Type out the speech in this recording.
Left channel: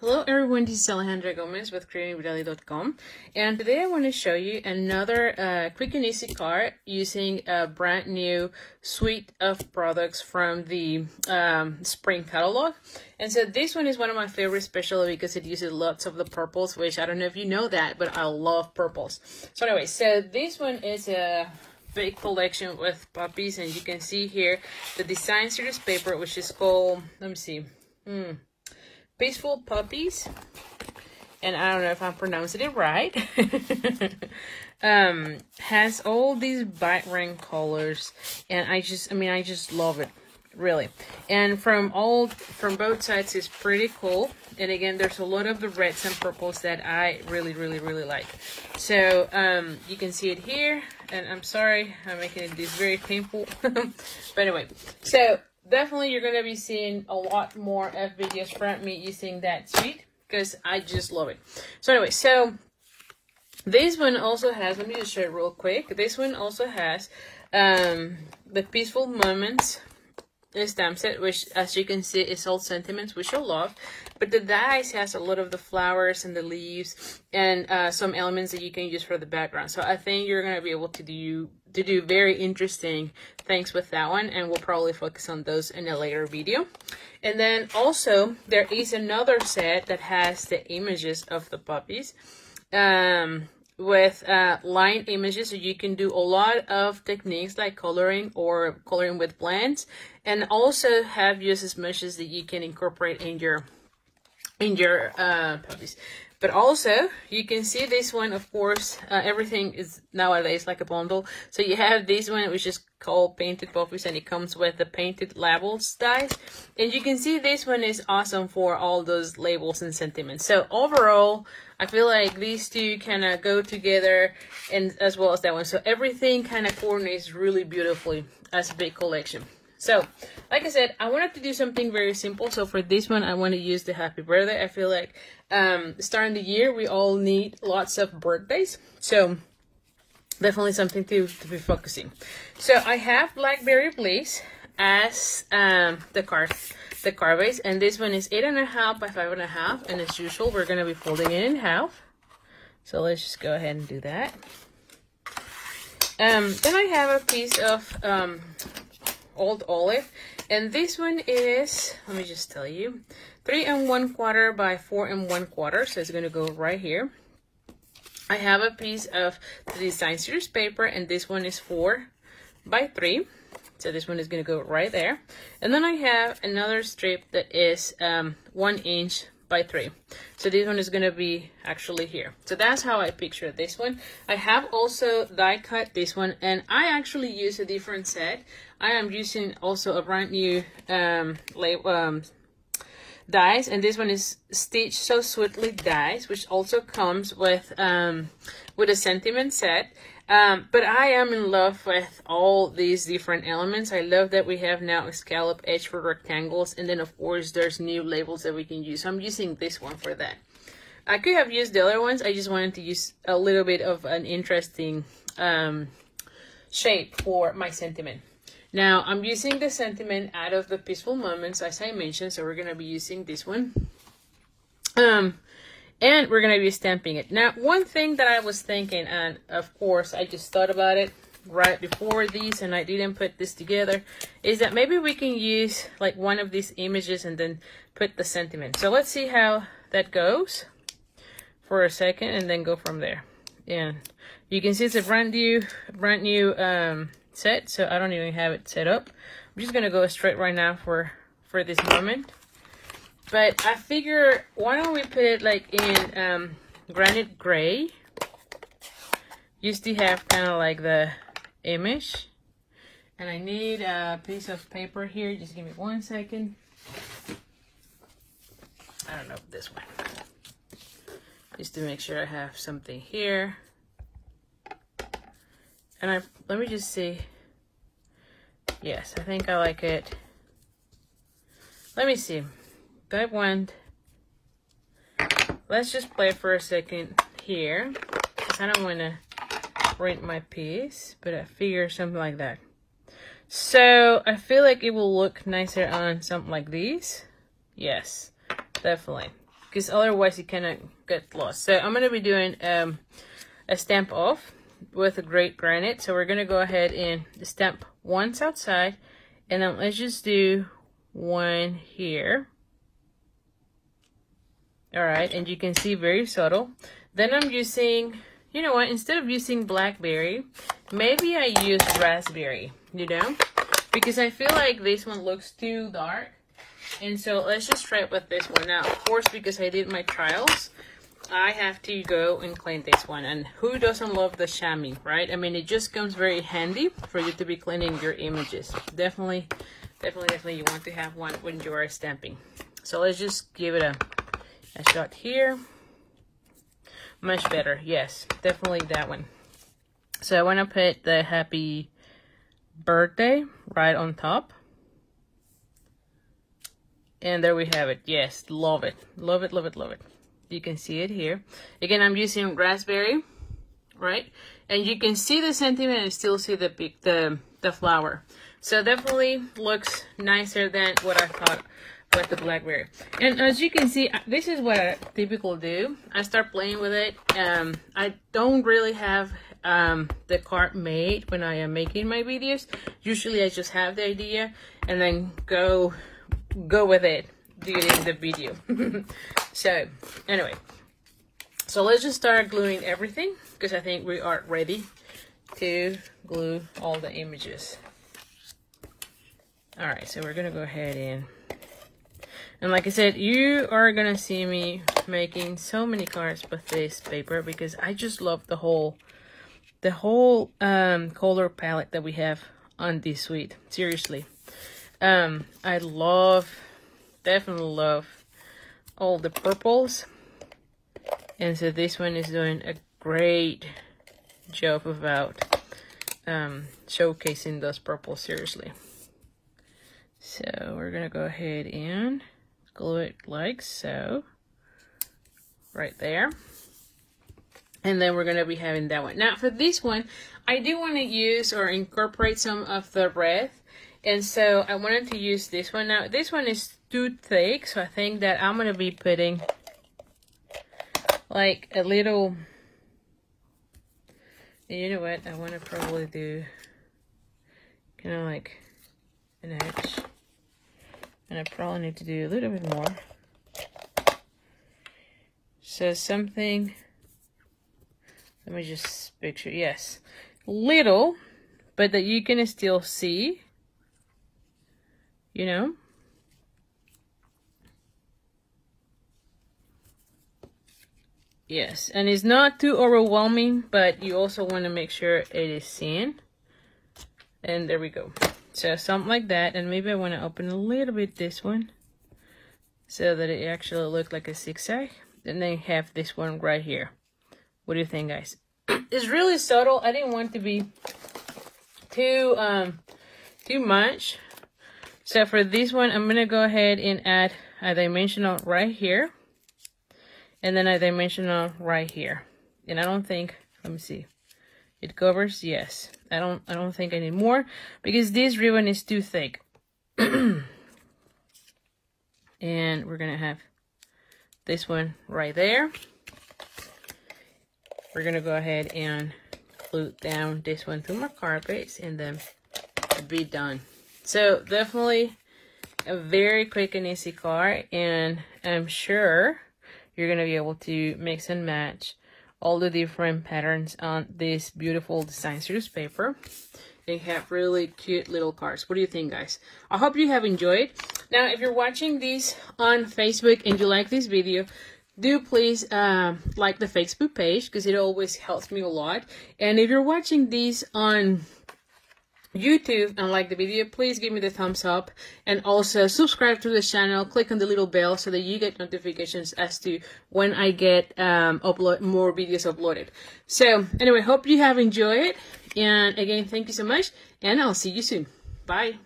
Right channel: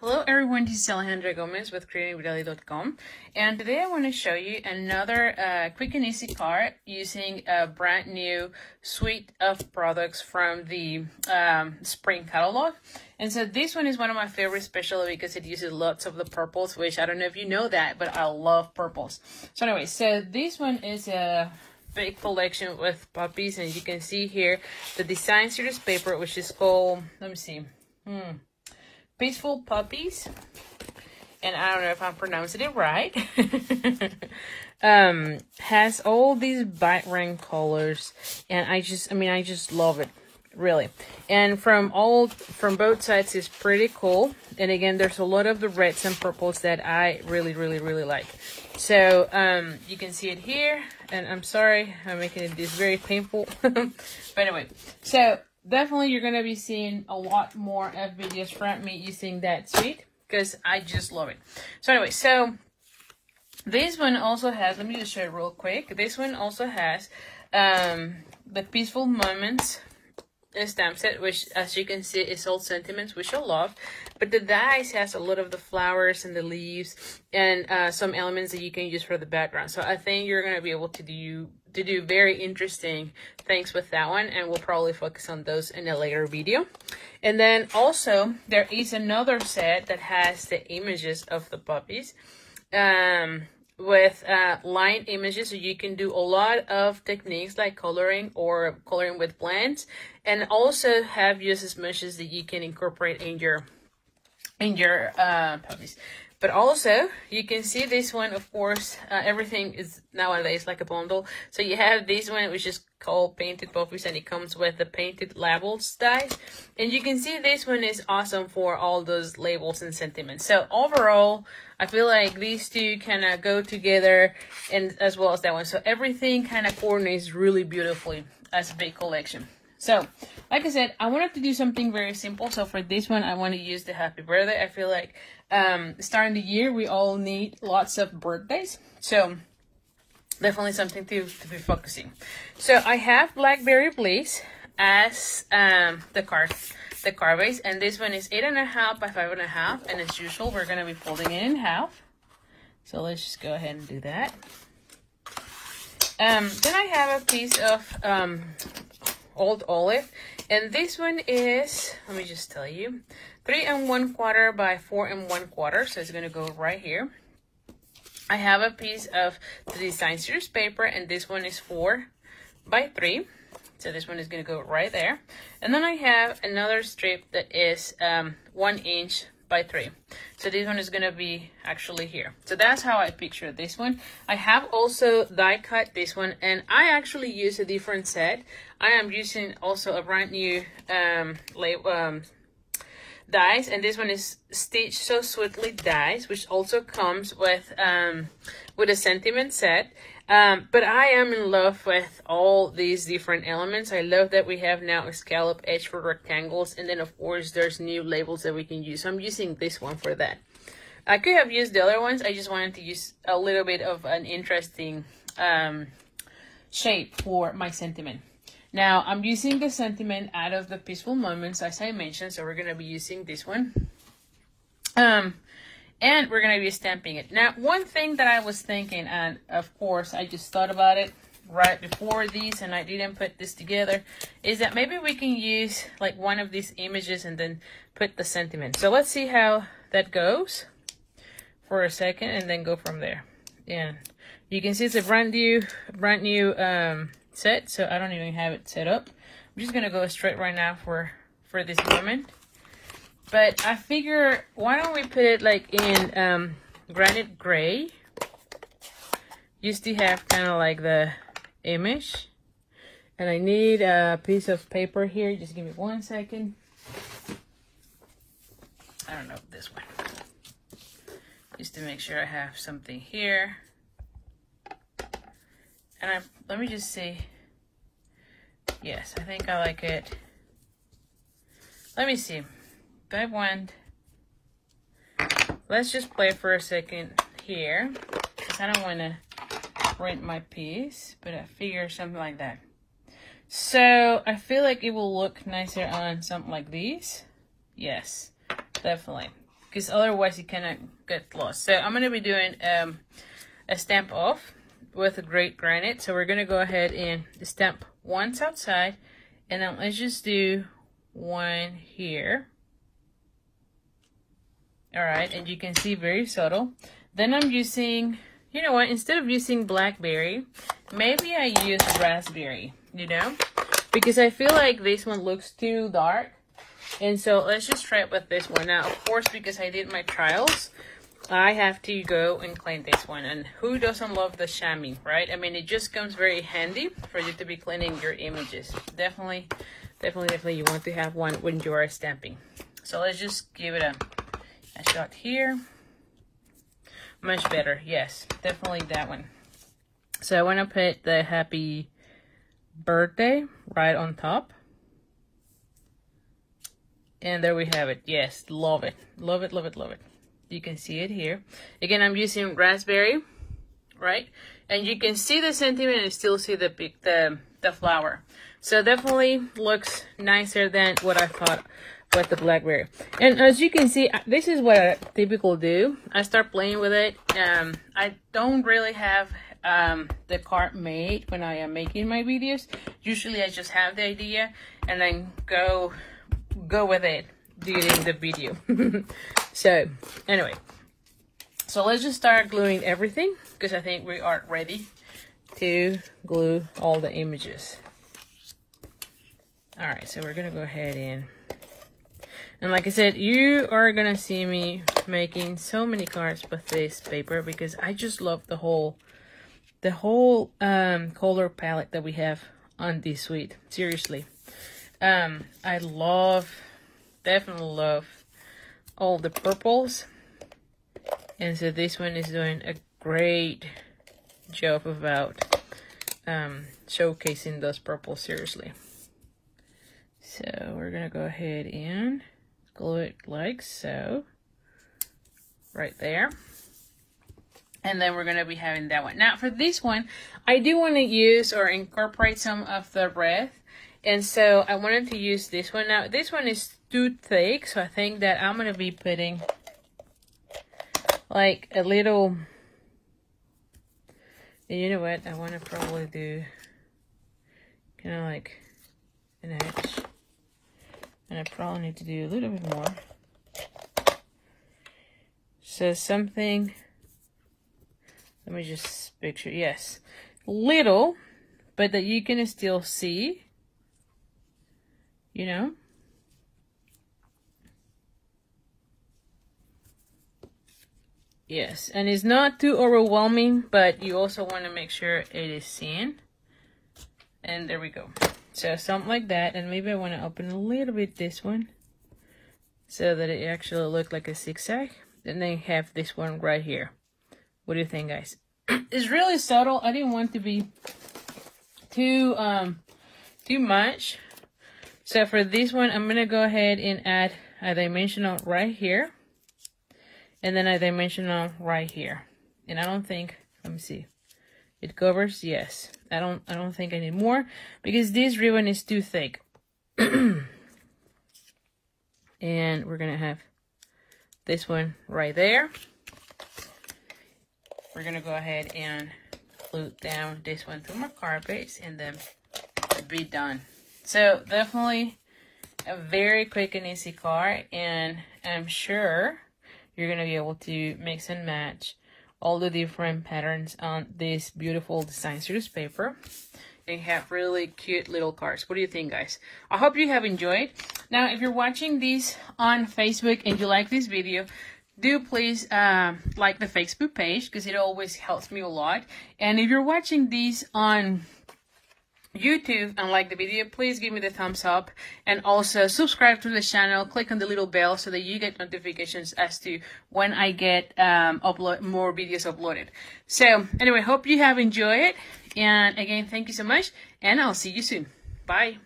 Hello everyone, this is Alejandra with creatingwithali.com, and today I want to show you another quick and easy card using a brand new suite of products from the spring catalog. And so this one is one of my favorites, especially because it uses lots of the purples, which I don't know if you know that, but I love purples. So anyway, so this one is a big collection with poppies, and you can see here the design series paper, which is called, let me see, Peaceful Poppies, and I don't know if I'm pronouncing it right. Has all these vibrant colors, and I just love it, really. And from both sides is pretty cool. And again, there's a lot of the reds and purples that I really like. So you can see it here, and I'm sorry I'm making this very painful. But anyway, so definitely you're going to be seeing a lot more of videos from me using that suite because I just love it. So anyway, so this one also has, let me just show it real quick. This one also has the Peaceful Moments stamp set, which as you can see is all sentiments, which I love. But the dies has a lot of the flowers and the leaves and some elements that you can use for the background. So I think you're going to be able to do very interesting things with that one, and we'll probably focus on those in a later video. And then also there is another set that has the images of the poppies with line images, so you can do a lot of techniques like coloring or coloring with blends, and also have uses meshes that you can incorporate in your poppies. But also, you can see this one, of course, everything is nowadays like a bundle. So you have this one, which is called Painted Poppies, and it comes with the painted labels dies. And you can see this one is awesome for all those labels and sentiments. So overall, I feel like these two kind of go together, and as well as that one. So everything kind of coordinates really beautifully as a big collection. So, like I said, I wanted to do something very simple. So for this one, I want to use the Happy Birthday. I feel like starting the year, we all need lots of birthdays. So definitely something to be focusing. So I have Blackberry Bliss as the card base. And this one is 8.5 by 5.5. And as usual, we're going to be folding it in half. So let's just go ahead and do that. Then I have a piece of Old Olive, and this one is, let me just tell you, 3 1/4 by 4 1/4, so it's going to go right here. I have a piece of the design series paper, and this one is 4 by 3, so this one is going to go right there. And then I have another strip that is 1 inch by 3, so this one is going to be actually here. So that's how I picture this one. I have also die cut this one, and I actually use a different set. I am using also a brand new dies, and this one is Stitch So Sweetly dies, which also comes with a sentiment set. But I am in love with all these different elements. I love that we have now a scallop edge for rectangles, and then of course there's new labels that we can use. So I'm using this one for that. I could have used the other ones. I just wanted to use a little bit of an interesting shape for my sentiment. Now I'm using the sentiment out of the Peaceful Moments, as I mentioned, so we're going to be using this one. And we're going to be stamping it. Now, one thing that I was thinking, and of course, I just thought about it right before these, and I didn't put this together, is that maybe we can use like one of these images and then put the sentiment. So let's see how that goes for a second, and then go from there. Yeah, you can see it's a brand new set, so I don't even have it set up. I'm just going to go straight right now for this moment. But I figure, why don't we put it like in granite gray, just to have kind of like the image. And I need a piece of paper here. Just give me 1 second. I don't know, this one. Just to make sure I have something here. And let me just see. Yes, I think I like it. Let me see. That one, let's just play for a second here, because I don't want to print my piece, but I figure something like that. So I feel like it will look nicer on something like these. Yes, definitely. because otherwise it cannot get lost. So I'm going to be doing a stamp off with a great granite. So we're going to go ahead and stamp once outside, and then let's just do one here. All right, and you can see very subtle. Then I'm using, you know what, instead of using blackberry, maybe I use raspberry, you know, because I feel like this one looks too dark. And so let's just try it with this one. Now, of course, because I did my trials, I have to go and clean this one. And who doesn't love the chamois, right? I mean, it just comes very handy for you to be cleaning your images. Definitely you want to have one when you are stamping. So let's just give it a shot here. Much better. Yes, definitely that one. So I want to put the happy birthday right on top. And there we have it. Yes, love it. Love it, love it, love it. You can see it here. Again, I'm using raspberry, right? And you can see the sentiment and still see the flower. So definitely looks nicer than what I thought with the blackberry. And as you can see, this is what I typically do. I start playing with it. I don't really have the card made when I am making my videos. Usually I just have the idea and then go with it during the video. So anyway, so let's just start gluing everything, because I think we are ready to glue all the images. All right, so we're gonna go ahead and like I said, you are gonna see me making so many cards with this paper, because I just love the whole color palette that we have on this suite. Seriously. I definitely love all the purples, and so this one is doing a great job about showcasing those purples. Seriously. So we're gonna go ahead and glue it like so, right there. And then we're gonna be having that one. Now for this one, I do want to use or incorporate some of the red. And so I wanted to use this one. Now, this one is too thick, so I think that I'm going to be putting like a little, you know what, I want to probably do kind of like an edge. And I probably need to do a little bit more. So something, let me just picture, yes, little, but that you can still see. You know, yes, and it's not too overwhelming, but you also want to make sure it is seen. And there we go. So something like that, and maybe I want to open a little bit this one so that it actually looks like a zigzag. And then have this one right here. What do you think, guys? It's really subtle. I didn't want to be too much. So for this one, I'm going to go ahead and add a dimensional right here. And then a dimensional right here. And I don't think, let me see. It covers, yes. I don't think I need more, because this ribbon is too thick. And we're going to have this one right there. We're going to go ahead and glue down this one to my carpets, and then be done. So definitely a very quick and easy card, and I'm sure you're going to be able to mix and match all the different patterns on this beautiful design series paper. They have really cute little cards. What do you think, guys? I hope you have enjoyed. Now, if you're watching this on Facebook and you like this video, do please like the Facebook page, because it always helps me a lot. And if you're watching this on YouTube and like the video, please give me the thumbs up, and also subscribe to the channel. Click on the little bell so that you get notifications as to when I get more videos uploaded. So anyway, hope you have enjoyed it, and again, thank you so much, and I'll see you soon. Bye.